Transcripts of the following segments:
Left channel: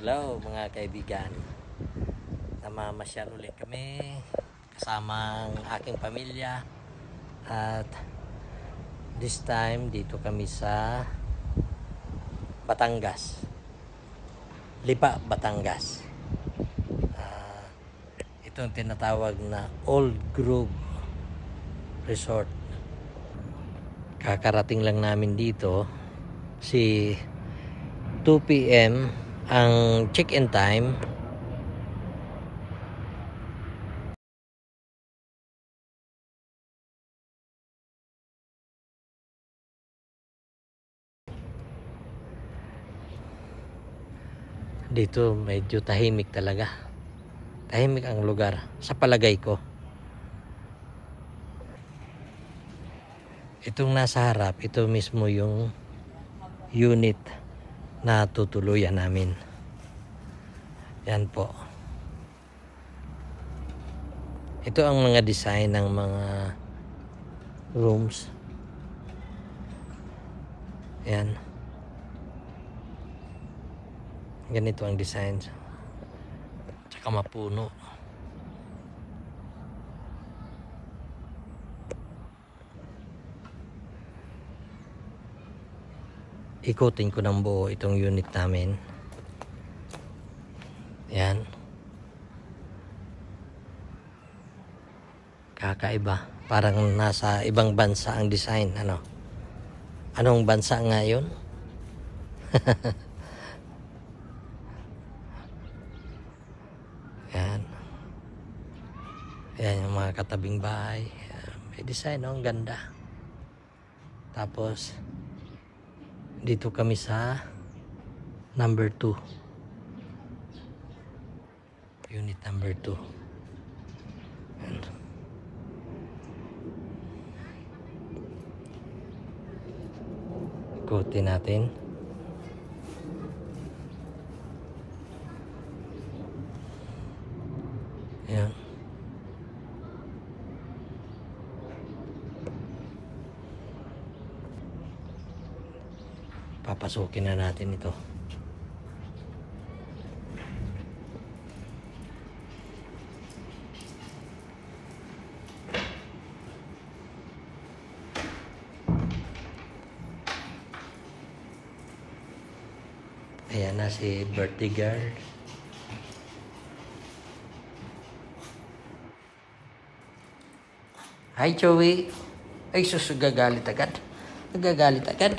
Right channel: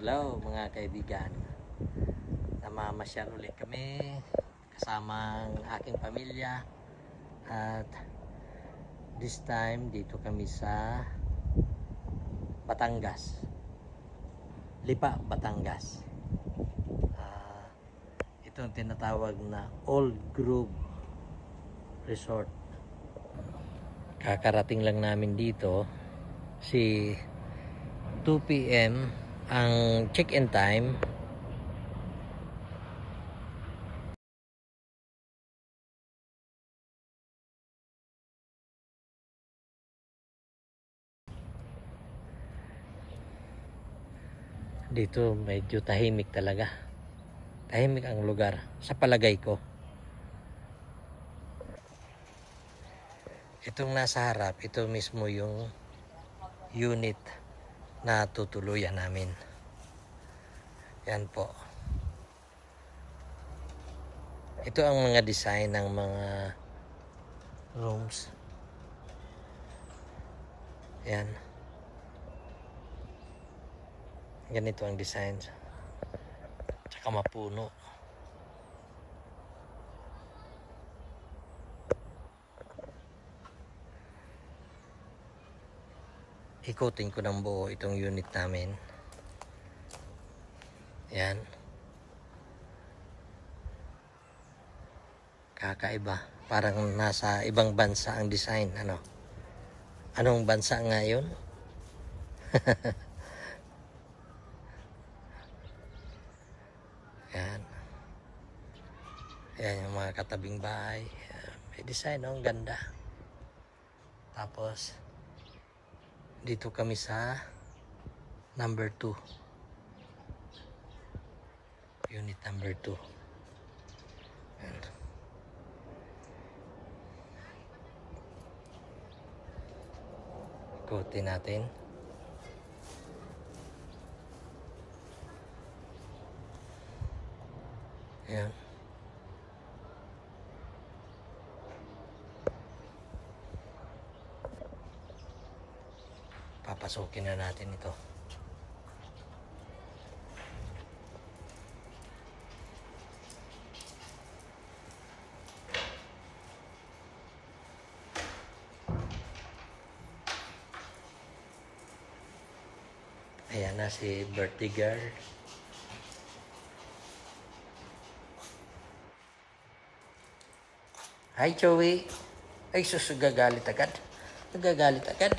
Hello mga kaibigan, namamasyal ulit kami kasama ang aking pamilya at this time dito kami sa Batangas, Lipa, Batangas. Itong tinatawag na Old Grove Resort. Kakarating lang namin dito, si 2 PM ang check-in time. Dito medyo tahimik talaga. Tahimik ang lugar sa palagay ko. Itong nasa harap, ito mismo yung unit na tutuluyan namin. Yan po. Ito ang mga design ng mga rooms. Yan. Ganito ang design. Tsaka mapuno. Ikutin ko ng buo itong unit namin. Yan. Kakaiba. Parang nasa ibang bansa ang design. Ano? Anong bansa nga yun? Yan. Yan yung mga katabing bahay. May design, no? Ang ganda. Tapos dito kami sa number 2. Unit number 2. Ikutin natin. Ayan. Papasukin na natin ito. Ayan na si birthday girl. Hi Joey. Ay sus, gagalit agad. Nagagalit agad.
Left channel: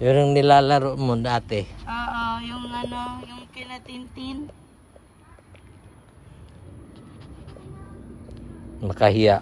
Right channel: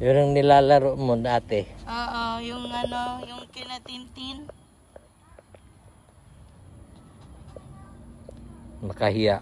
Yun yung nilalaro mo dati. Oo, yung ano, yung tila-tintin. Makahiya.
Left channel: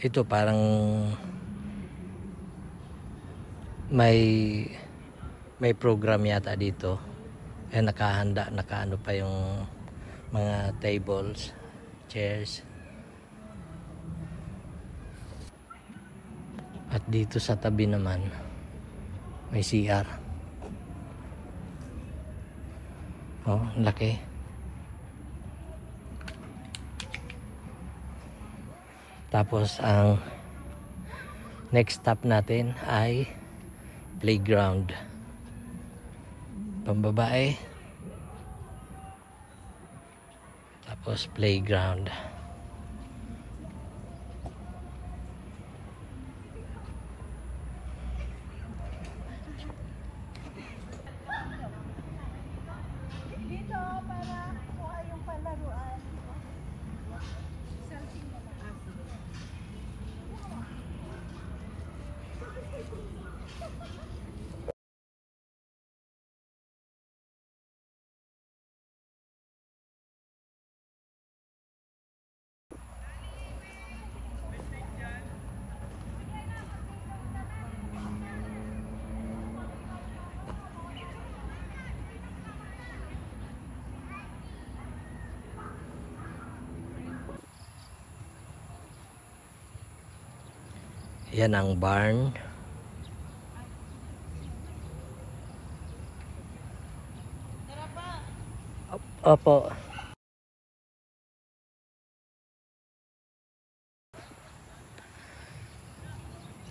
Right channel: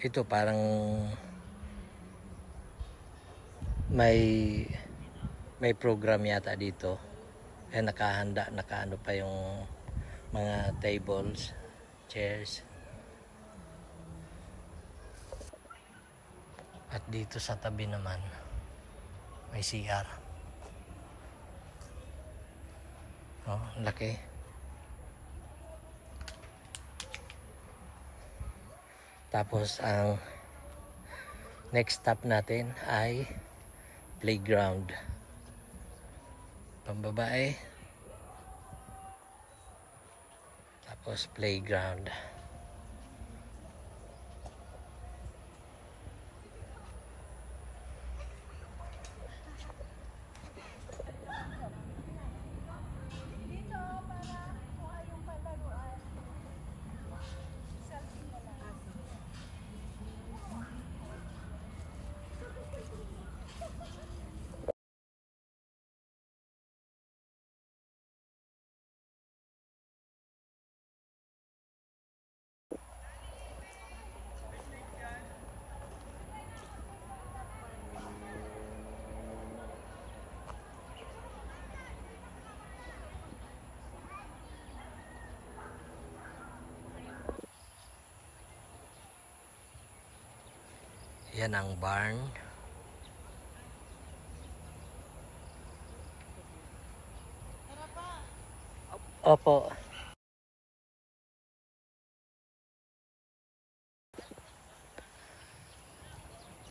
ito parang may program yata dito. Nakahanda, nakaano pa yung mga tables, chairs. At dito sa tabi naman may CR. Oh, laki. Tapos ang next stop natin ay playground. Pambabae. Tapos playground. Yan ang barn. Opo.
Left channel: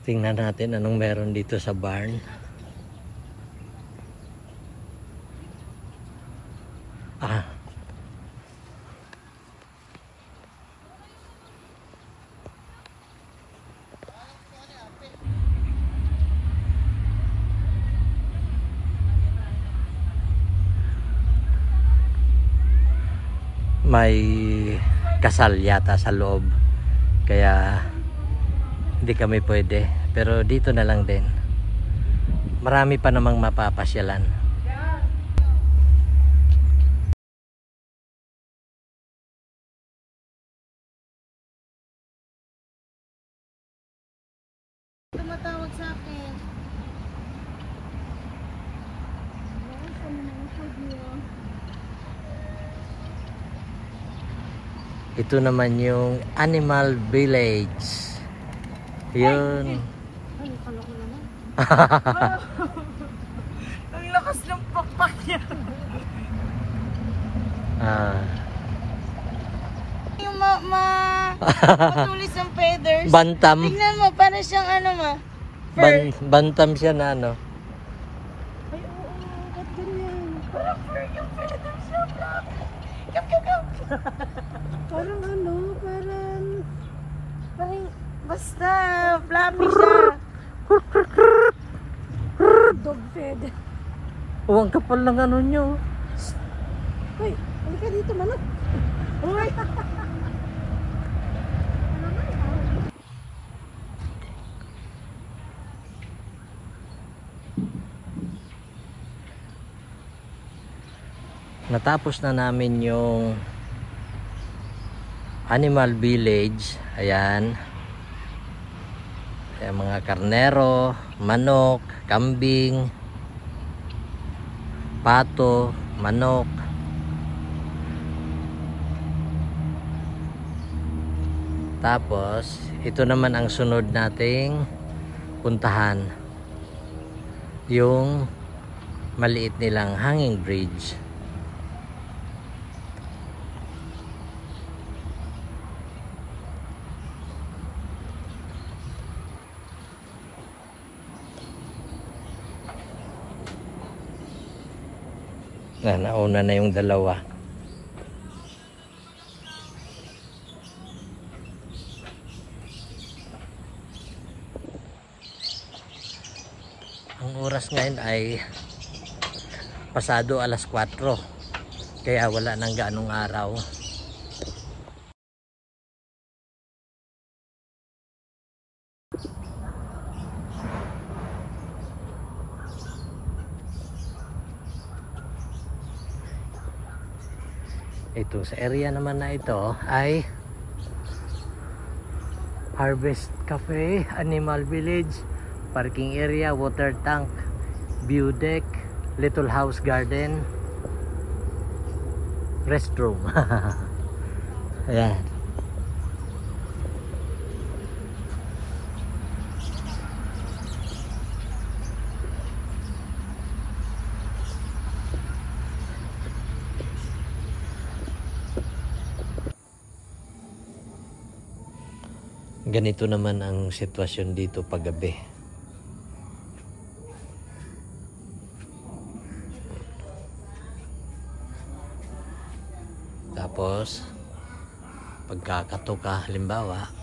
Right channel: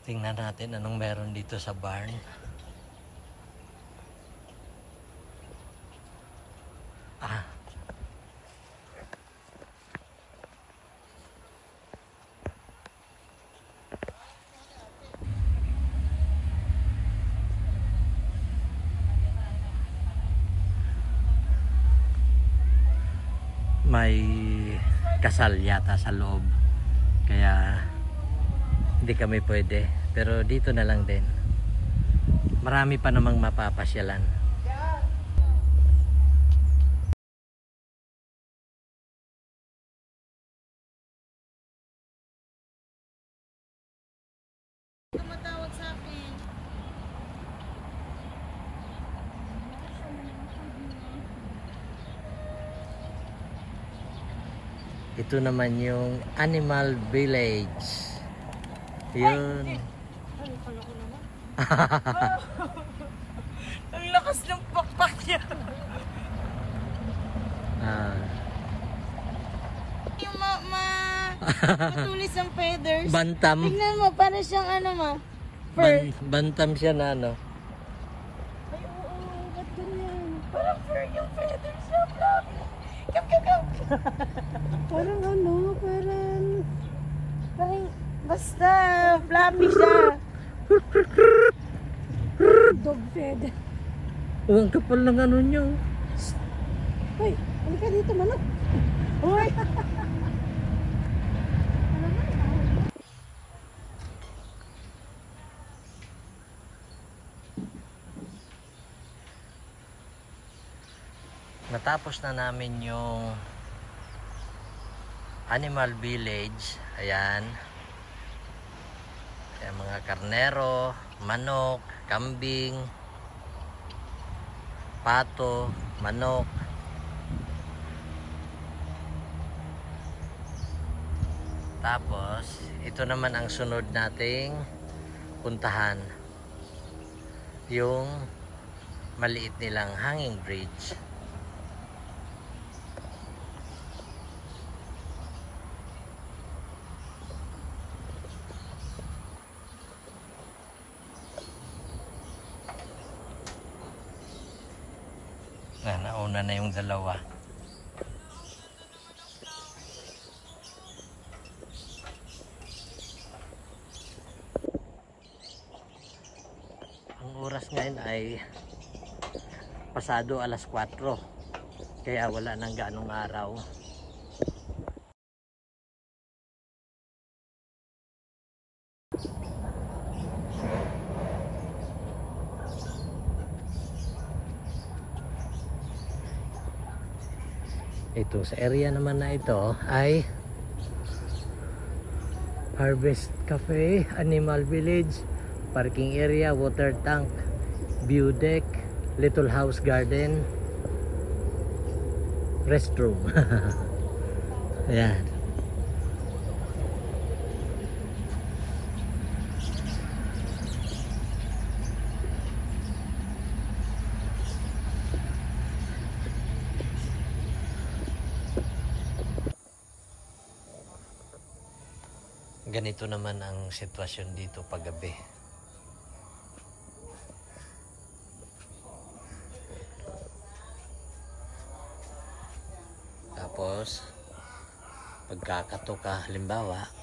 Tingnan natin anong meron dito sa barn. May kasal yata sa loob, kaya hindi kami pwede, pero dito na lang din. Marami pa namang mapapasyalan. Tumatawag sa akin. Ito naman yung Animal Village. Yun. Ang lakas ng pakpak niya. Yung matulis ang feathers. Bantam. Tingnan mo, parang siyang ano ma. Bantam siya na ano. Ay, oo, ba't ganyan? Parang fur yung feathers na black. Come. Parang ano, parang basta fluffy siya. Dog feather. Oh, ang kapal ng ano nyo. Hoy, halika dito manok. Hoy. Natapos na namin yung Animal Village. Ayan. Ayan, mga karnero, manok, kambing, pato, manok. Tapos ito naman ang sunod nating puntahan, yung maliit nilang hanging bridge. Nauna na yung dalawa. Ang oras ngayon ay pasado alas 4, kaya wala nang gaanong araw. Ito sa area naman na ito ay Harvest Cafe, Animal Village, parking area, water tank, view deck, little house garden, restroom. Ayan. Ganito naman ang sitwasyon dito paggabi. Tapos pagkakatuka halimbawa,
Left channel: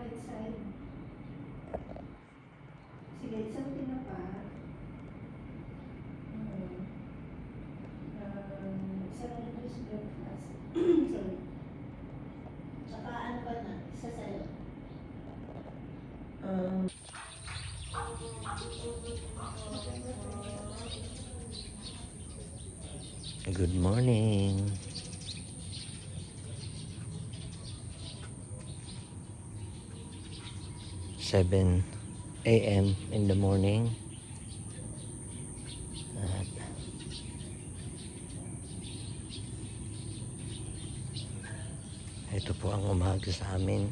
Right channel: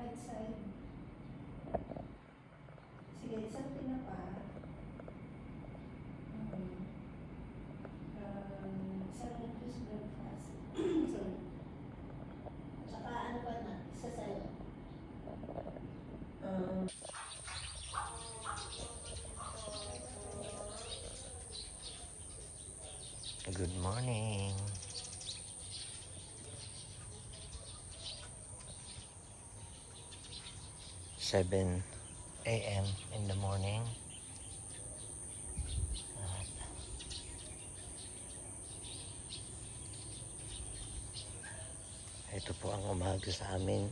Right side. Sige, isang tinapa. Sarap na sa breakfast. Sorry. Tsaka ano ba na? Isa sa'yo. good morning. 7 a.m. in the morning. Ito po ang umaga sa amin.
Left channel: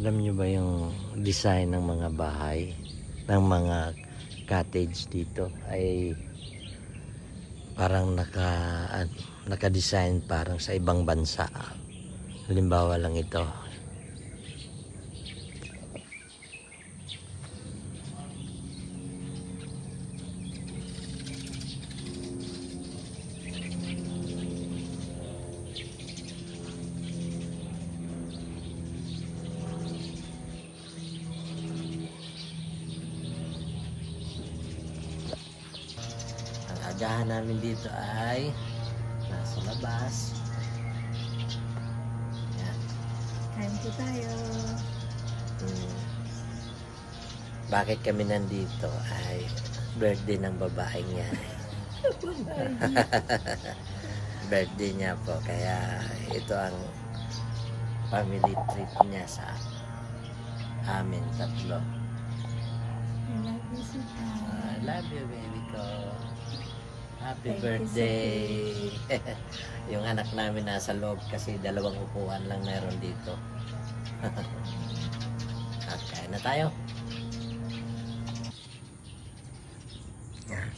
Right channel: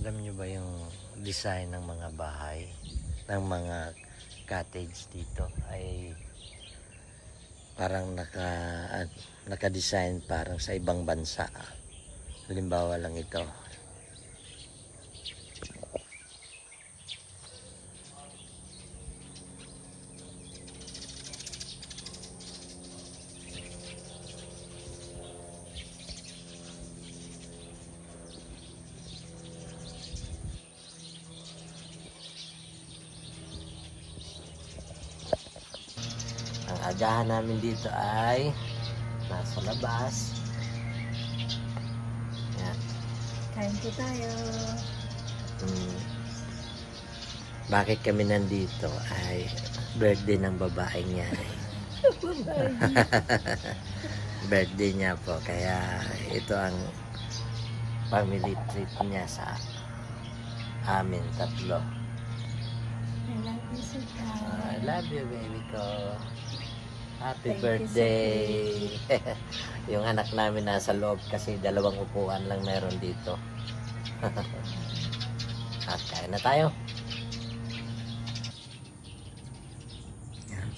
Alam nyo ba yung design ng mga bahay, ng mga cottage dito ay parang naka-design parang sa ibang bansa. Halimbawa lang ito. Agahan namin dito ay nasa labas. Yan. Kain po tayo. Bakit kami nandito ay birthday ng babae niya. Babae. Birthday niya po, kaya ito ang family treat niya sa amin tatlo. I love you, Sita. I love you, baby ko. Happy Thank birthday! Yung anak namin nasa loob kasi 2 upuan lang meron dito. At kain na tayo. Yan.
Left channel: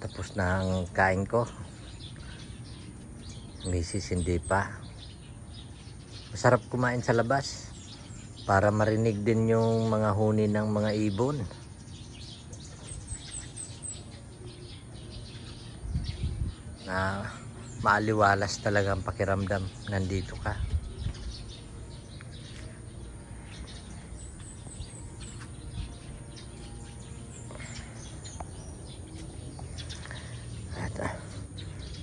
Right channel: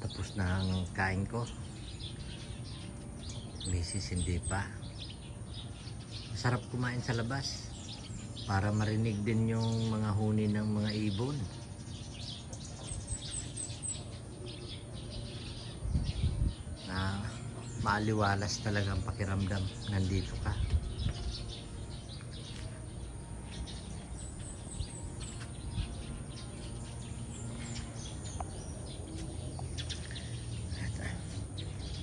Tapos na ang kain ko. Misis hindi pa. Masarap kumain sa labas para marinig din yung mga huni ng mga ibon. Na maaliwalas talaga ang pakiramdam nandito ka. At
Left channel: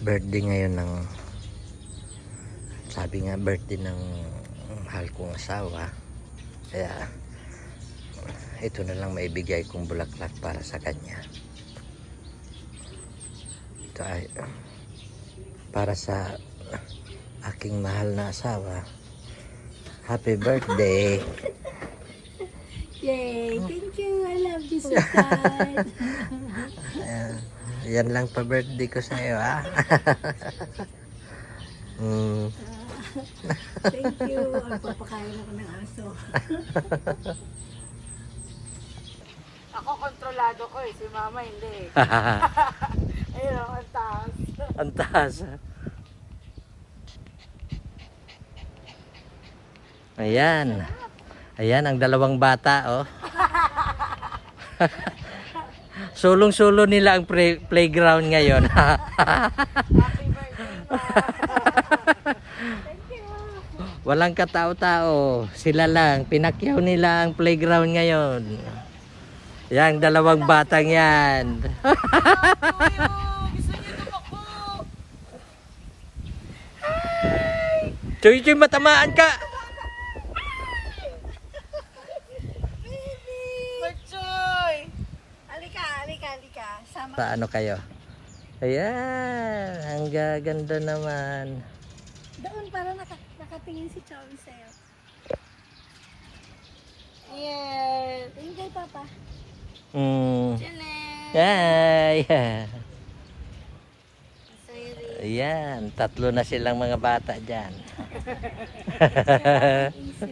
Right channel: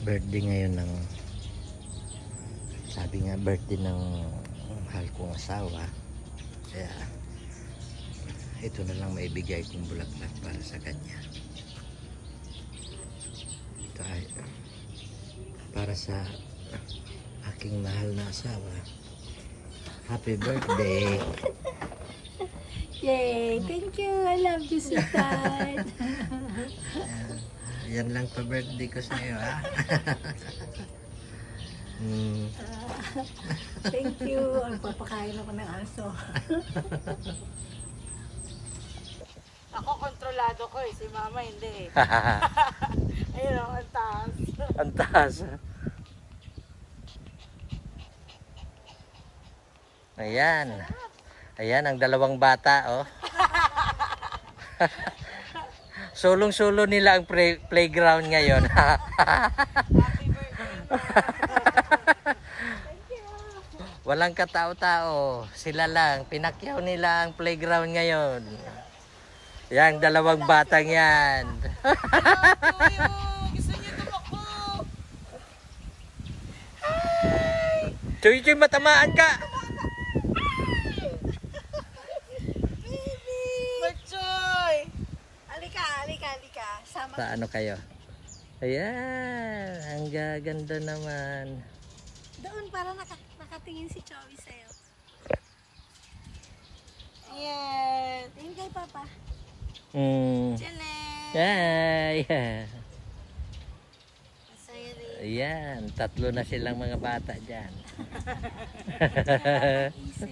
birthday ngayon ng, sabi nga birthday ng mahal kong asawa, kaya ito na lang maibigay kong bulaklak para sa kanya. Ito ay para sa aking mahal na asawa. Happy birthday! Yay! Thank you! I love you, sweetheart! Yan lang pa birthday ko sa iyo, ha? Thank you! Papakain ako ng aso. Ako kontrolado ko eh, si mama hindi. Ayun ako, ang taas. Ang taas. Ayan. Ayan ang dalawang bata, oh. Sulong-sulo nila ang playground ngayon. Happy birthday, ma. Thank you. Walang katao-tao. Sila lang. Pinakyaw nila ang playground ngayon. Yang dalawang batang yan. Gusto niyo tumakbo. Chuy-chuy, matamaan ka. Marchoy! Halika, halika, halika. Sama. Sa ano kayo? Ayan. Ang gaganda naman. Doon para nakatingin si Chowi sa'yo. Yes. Thank you, Papa. Chile. Ay. Sorry. Ayan. 3 na silang mga bata dyan. Isip.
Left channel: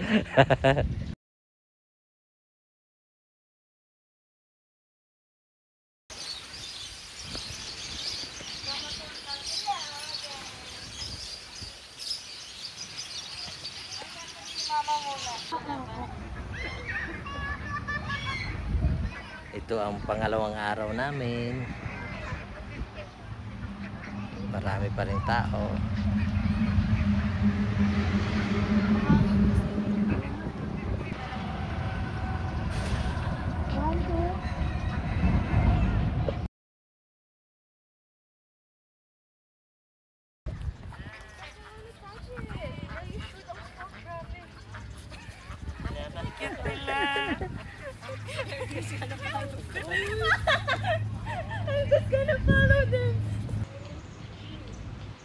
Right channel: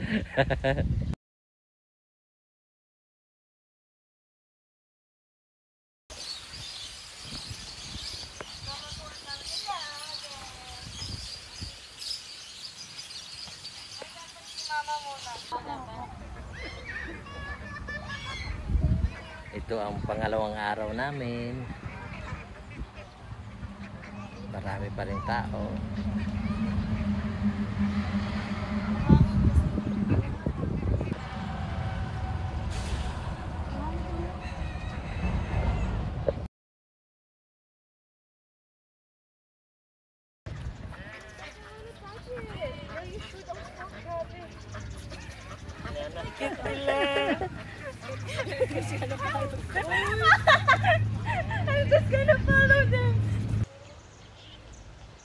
Mama muna. Ito ang pangalawang araw namin. Marami pa rin tao.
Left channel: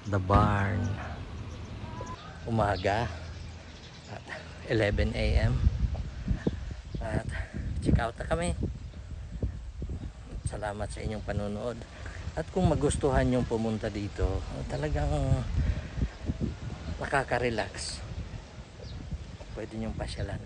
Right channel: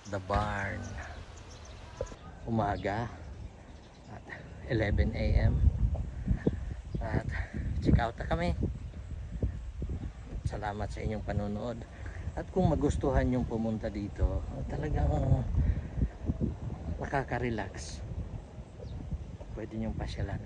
The barn. Umaga at 11 AM at check out na kami. Salamat sa inyong panonood. At kung magustuhan nyong pumunta dito, talagang nakaka-relax. Pwede nyong pasyalan.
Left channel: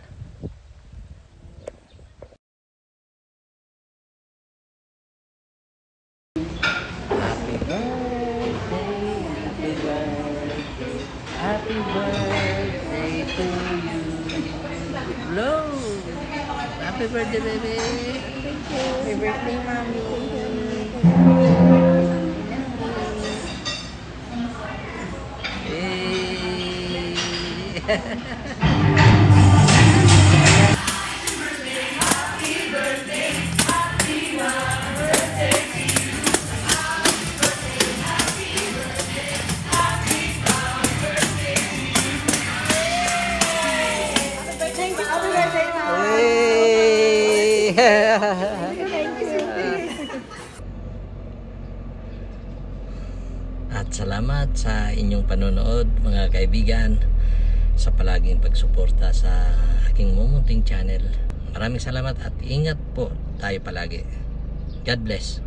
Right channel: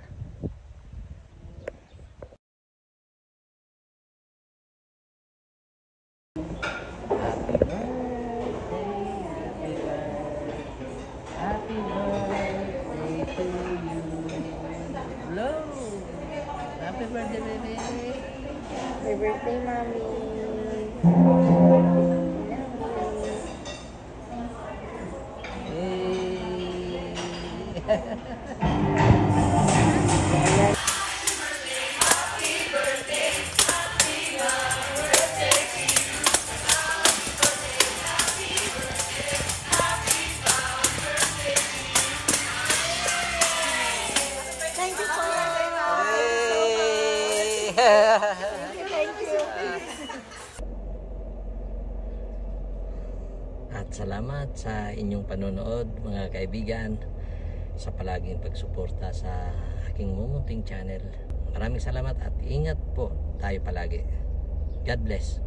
Hello! Happy birthday, baby! Happy birthday, Mami. At salamat sa inyong panonood, mga kaibigan, sa palaging pagsuporta sa aking mumunting channel. Maraming salamat at ingat po tayo palagi. God bless.